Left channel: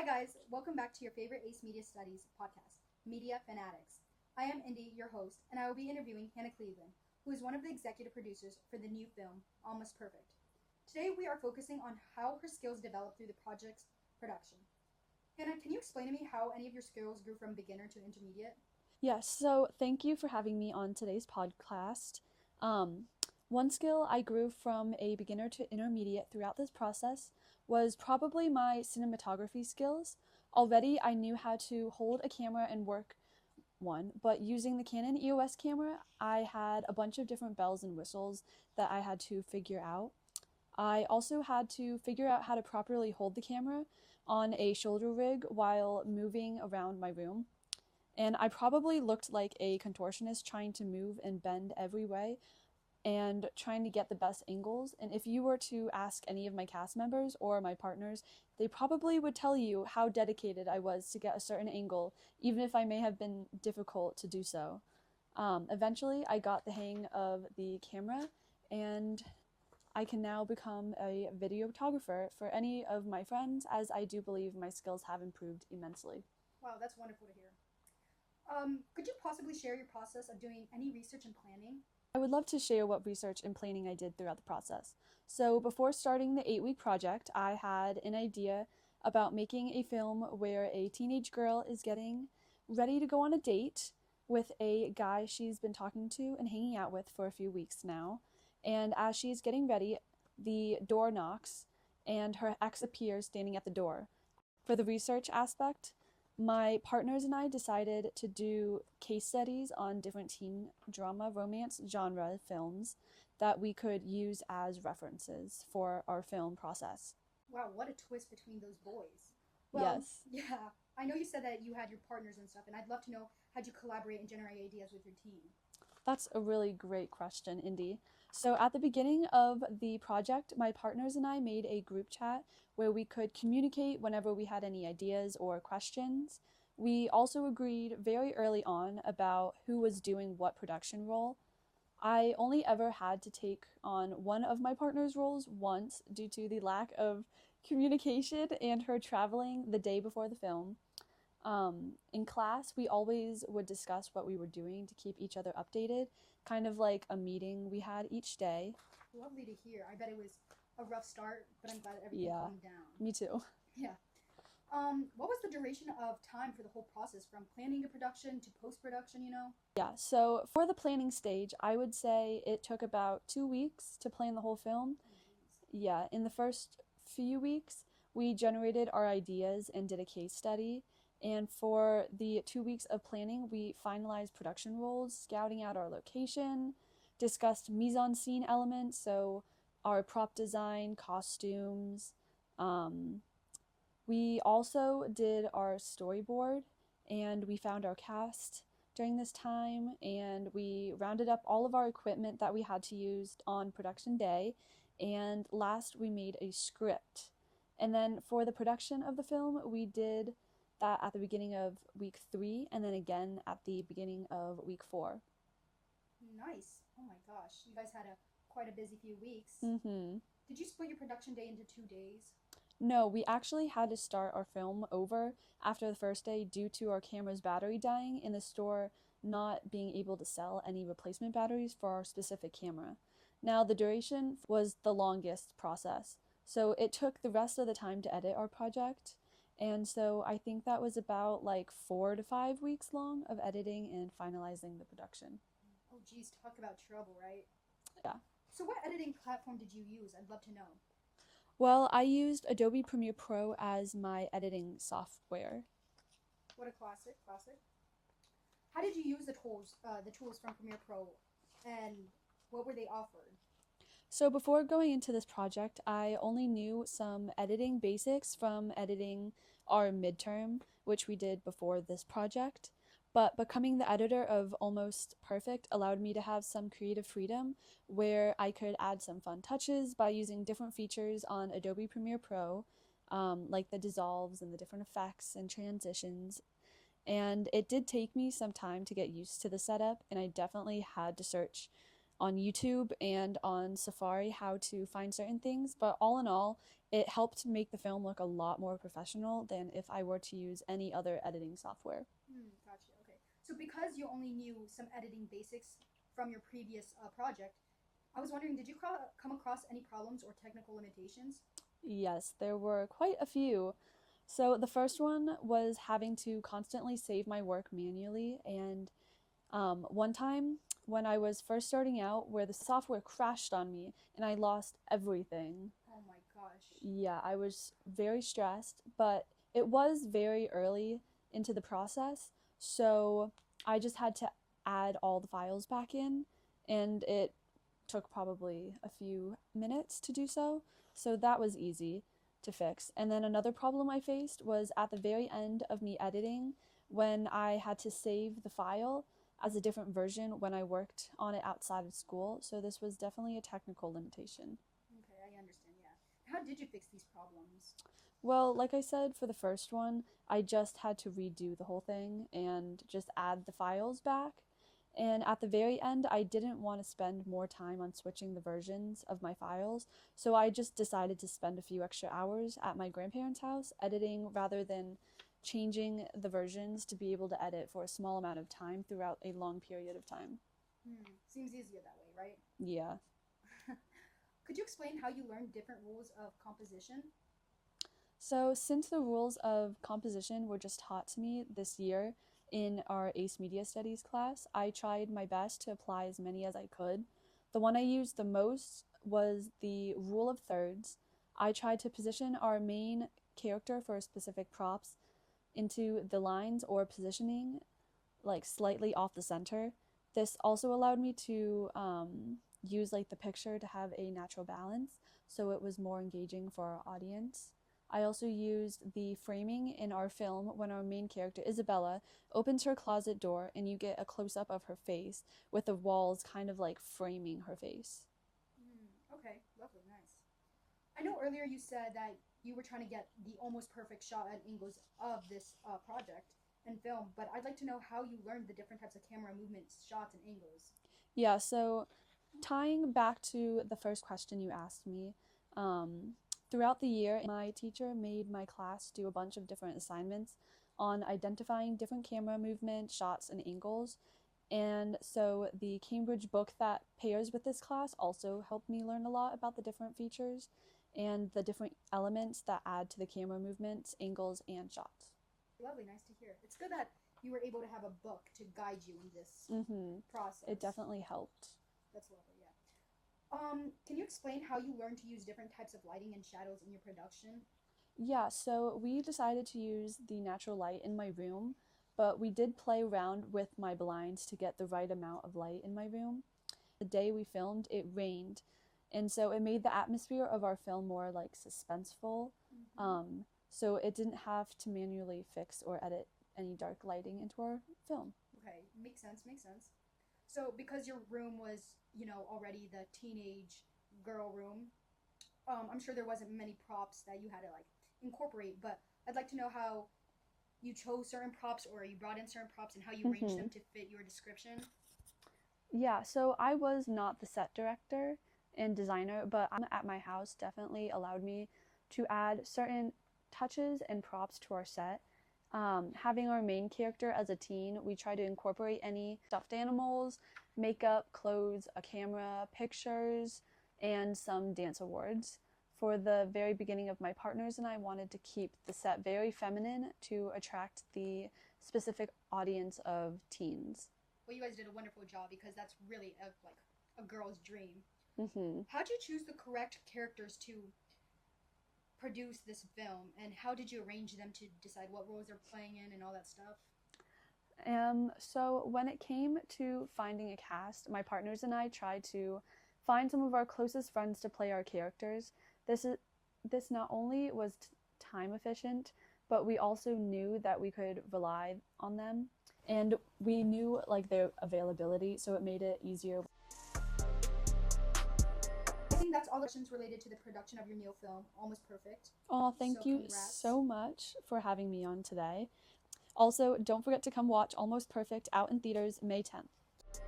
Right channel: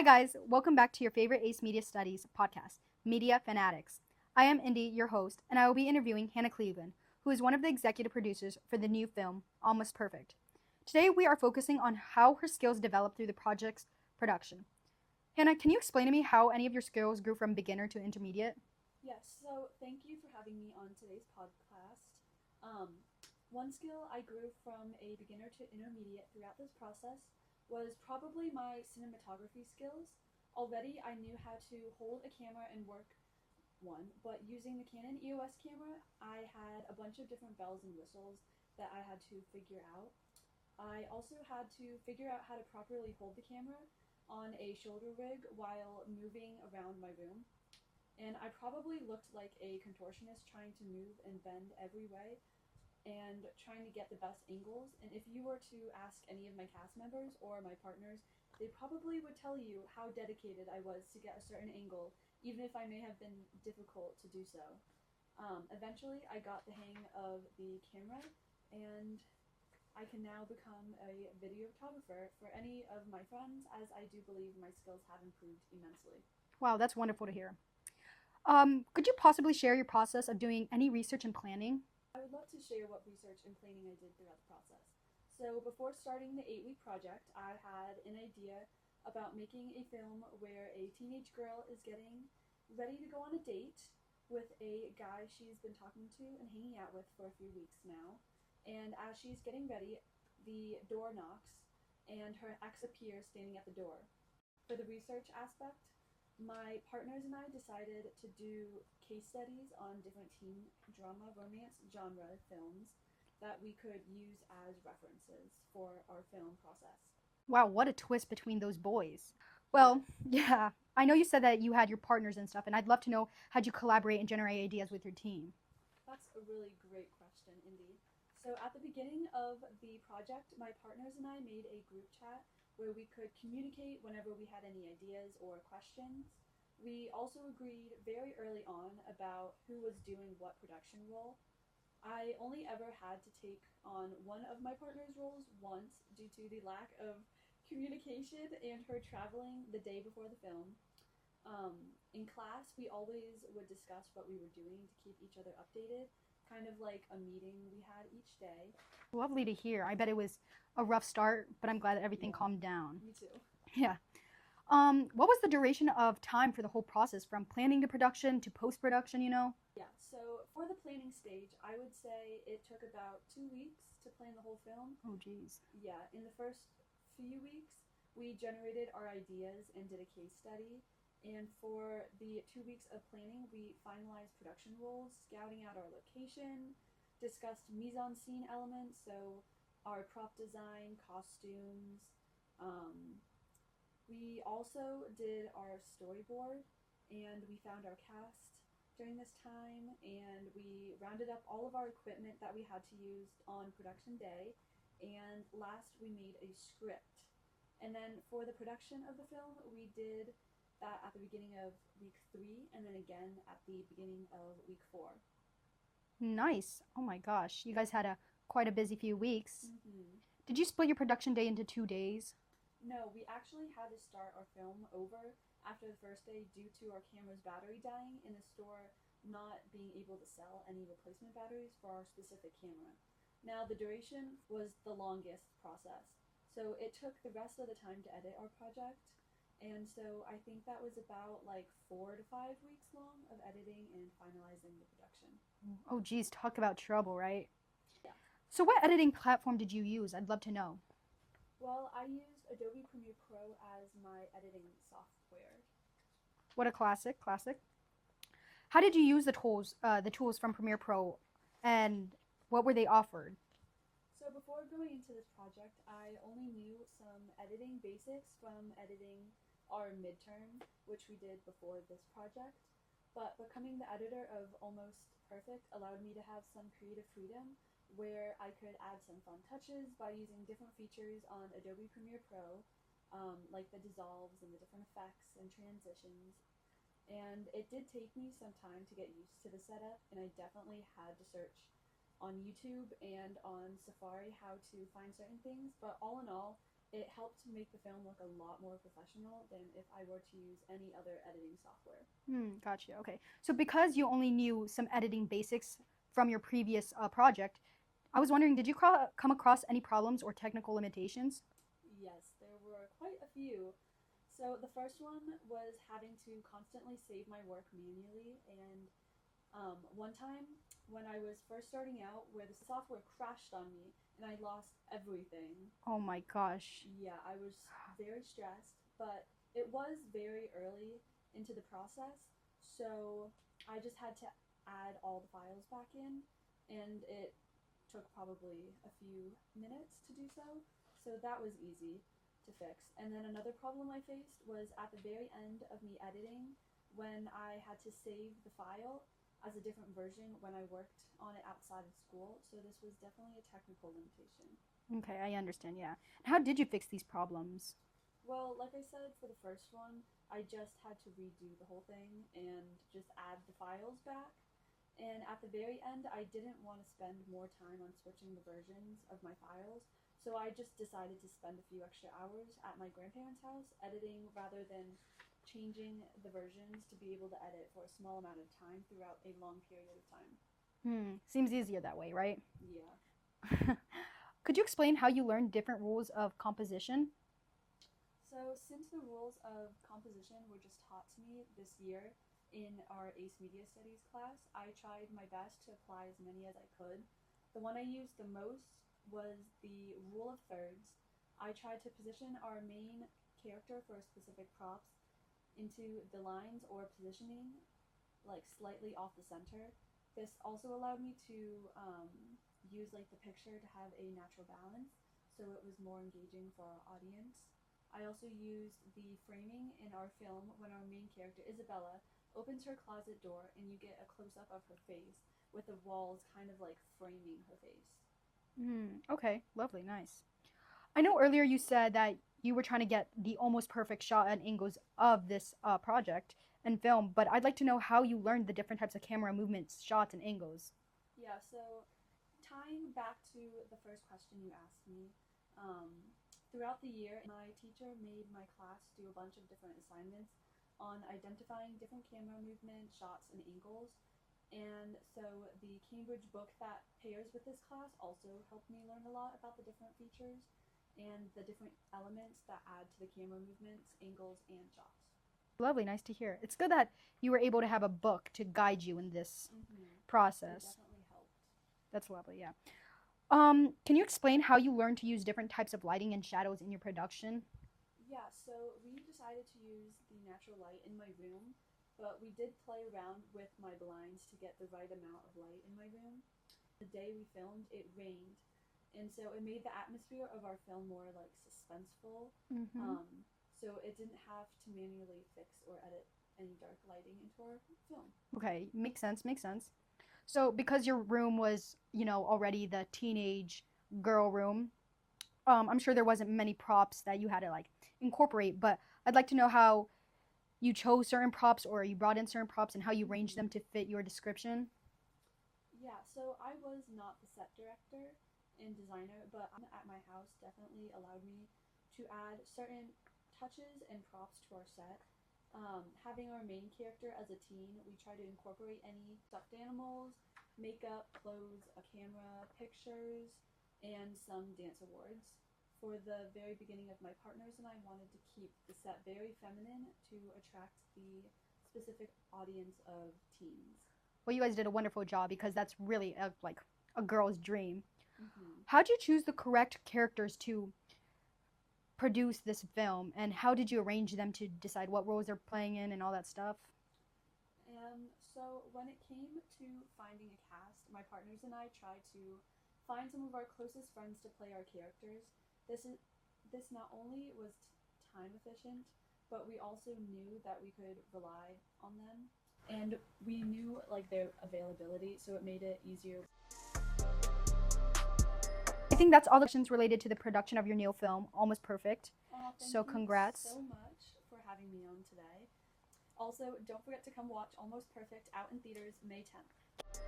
Hi, guys. Welcome back to your favorite ACE Media Studies podcast, Media Fanatics. I am Indy, your host, and I will be interviewing Hannah Cleveland, who is one of the executive producers for the new film, Almost Perfect. Today, we are focusing on how her skills developed through the project's production. Hannah, can you explain to me how any of your skills grew from beginner to intermediate? Yes, so thank you for having me on today's podcast. Um, One skill I grew from a beginner to intermediate throughout this process was probably my cinematography skills. Already, I knew how to hold a camera and work one, but using the Canon EOS camera, I had a bunch of different bells and whistles that I had to figure out. I also had to figure out how to properly hold the camera on a shoulder rig while moving around my room. And I probably looked like a contortionist trying to move and bend every way and trying to get the best angles. And if you were to ask any of my cast members or my partners, they probably would tell you how dedicated I was to get a certain angle, even if I may have been difficult to do so. Eventually, I got the hang of the camera, and I can now become a videographer for any of my friends, as I do believe my skills have improved immensely. Wow, that's wonderful to hear. Could you possibly share your process of doing any research and planning? I would love to share what research and planning I did throughout the process. So, before starting the 8-week project, I had an idea about making a film where a teenage girl is getting ready to go on a date with a guy she's been talking to and hanging out with for a few weeks now. And as she's getting ready, the door knocks and her ex appears standing at the door. For the research aspect, my partners and I decided to do case studies on different teen drama romance genre films that we could use as references for our film process. Wow, what a twist between those boys. Well, Yes, yeah, I know you said that you had your partners and stuff, and I'd love to know how'd you collaborate and generate ideas with your team? that's a really great question, Indy. So, at the beginning of the project, my partners and I made a group chat where we could communicate whenever we had any ideas or questions. We also agreed very early on about who was doing what production role. I only ever had to take on one of my partner's roles once due to the lack of communication and her traveling the day before the film. In class, we always would discuss what we were doing to keep each other updated, kind of like a meeting we had each day. Lovely to hear. I bet it was a rough start, but I'm glad that everything Yeah, calmed down. me too. Yeah. What was the duration of time for the whole process from planning to production to post production? Yeah, so for the planning stage, I would say it took about 2 weeks to plan the whole film. Oh, geez. Yeah, in the first few weeks, we generated our ideas and did a case study. And for the 2 weeks of planning, we finalized production roles, scouting out our location, discussed mise en scene elements, so our prop design, costumes. Um, we also did our storyboard and we found our cast during this time, and we rounded up all of our equipment that we had to use on production day. And last, we made a script. And then for the production of the film, we did that at the beginning of week 3 and then again at the beginning of week 4. Nice. Oh my gosh. You guys had a quite a busy few weeks. Mm-hmm. Did you split your production day into 2 days? No, we actually had to start our film over after the first day due to our camera's battery dying and the store not being able to sell any replacement batteries for our specific camera. Now, the duration was the longest process, so it took the rest of the time to edit our project. And so I think that was about like 4 to 5 weeks long of editing and finalizing the production. Oh, geez. Talk about trouble, right? Yeah. So, what editing platform did you use? I'd love to know. Well, I used Adobe Premiere Pro as my editing software. What a classic. Classic. How did you use the tools from Premiere Pro, and what were they offered? So before going into this project, I only knew some editing basics from editing our midterm, which we did before this project. But becoming the editor of Almost Perfect allowed me to have some creative freedom where I could add some fun touches by using different features on Adobe Premiere Pro, like the dissolves and the different effects and transitions. And it did take me some time to get used to the setup, and I definitely had to search on YouTube and on Safari how to find certain things. But all in all, it helped make the film look a lot more professional than if I were to use any other editing software. Gotcha. Okay. So because you only knew some editing basics from your previous project, I was wondering, did you come across any problems or technical limitations? Yes, there were quite a few. So the first one was having to constantly save my work manually, and one time when I was first starting out, where the software crashed on me and I lost everything. Oh my gosh. Yeah, I was very stressed, but it was very early into the process, so I just had to add all the files back in, and it took probably a few minutes to do so. So that was easy to fix. And then another problem I faced was at the very end of me editing when I had to save the file as a different version when I worked on it outside of school. So this was definitely a technical limitation. Okay, I understand. Yeah. And how did you fix these problems? Well, like I said, for the first one, I just had to redo the whole thing and just add the files back. And at the very end, I didn't want to spend more time on switching the versions of my files, so I just decided to spend a few extra hours at my grandparents' house editing rather than changing the versions to be able to edit for a small amount of time throughout a long period of time. Seems easier that way, right? Yeah. Could you explain how you learned different rules of composition? So, since the rules of composition were just taught to me this year in our AICE Media Studies class, I tried my best to apply as many as I could. The one I used the most was the rule of thirds. I tried to position our main character for specific props into the lines or positioning like slightly off the center. This also allowed me to use like the picture to have a natural balance, so it was more engaging for our audience. I also used the framing in our film when our main character, Isabella, opens her closet door and you get a close up of her face with the walls kind of like framing her face. Okay, lovely, nice. I know earlier you said that you were trying to get the almost perfect shot and angles of this project and film, but I'd like to know how you learned the different types of camera movements, shots, and angles. Yeah, so tying back to the first question you asked me, throughout the year, my teacher made my class do a bunch of different assignments on identifying different camera movement, shots, and angles. And so the Cambridge book that pairs with this class also helped me learn a lot about the different features and the different elements that add to the camera movements, angles, and shots. Lovely, nice to hear. It's good that you were able to have a book to guide you in this Mm-hmm. process. It definitely helped. That's lovely, yeah. Can you explain how you learned to use different types of lighting and shadows in your production? Yeah, so we decided to use the natural light in my room, but we did play around with my blinds to get the right amount of light in my room. The day we filmed, it rained, and so it made the atmosphere of our film more like suspenseful. So it didn't have to manually fix or edit any dark lighting into our film. Okay, makes sense, makes sense. So, because your room was, already the teenage girl room, I'm sure there wasn't many props that you had to like incorporate, but I'd like to know how you chose certain props or you brought in certain props and how you arranged them to fit your description. Yeah, so I was not the set director and designer, but at my house definitely allowed me to add certain touches and props to our set. Having our main character as a teen, we try to incorporate any stuffed animals, makeup, clothes, a camera, pictures, and some dance awards. For the very beginning of my partners and I wanted to keep the set very feminine to attract the specific audience of teens. Well, you guys did a wonderful job because that's really a girl's dream. Mm-hmm. How'd you choose the correct characters to produce this film, and how did you arrange them to decide what roles they're playing in and all that stuff? So when it came to finding a cast, my partners and I tried to find some of our closest friends to play our characters. This not only was time efficient, but we also knew that we could rely on them, and we knew like their availability, so it made it easier. I think that's all the questions related to the production of your new film, Almost Perfect. Oh, thank you Congrats. so much for having me on today. Also, don't forget to come watch Almost Perfect out in theaters May 10th.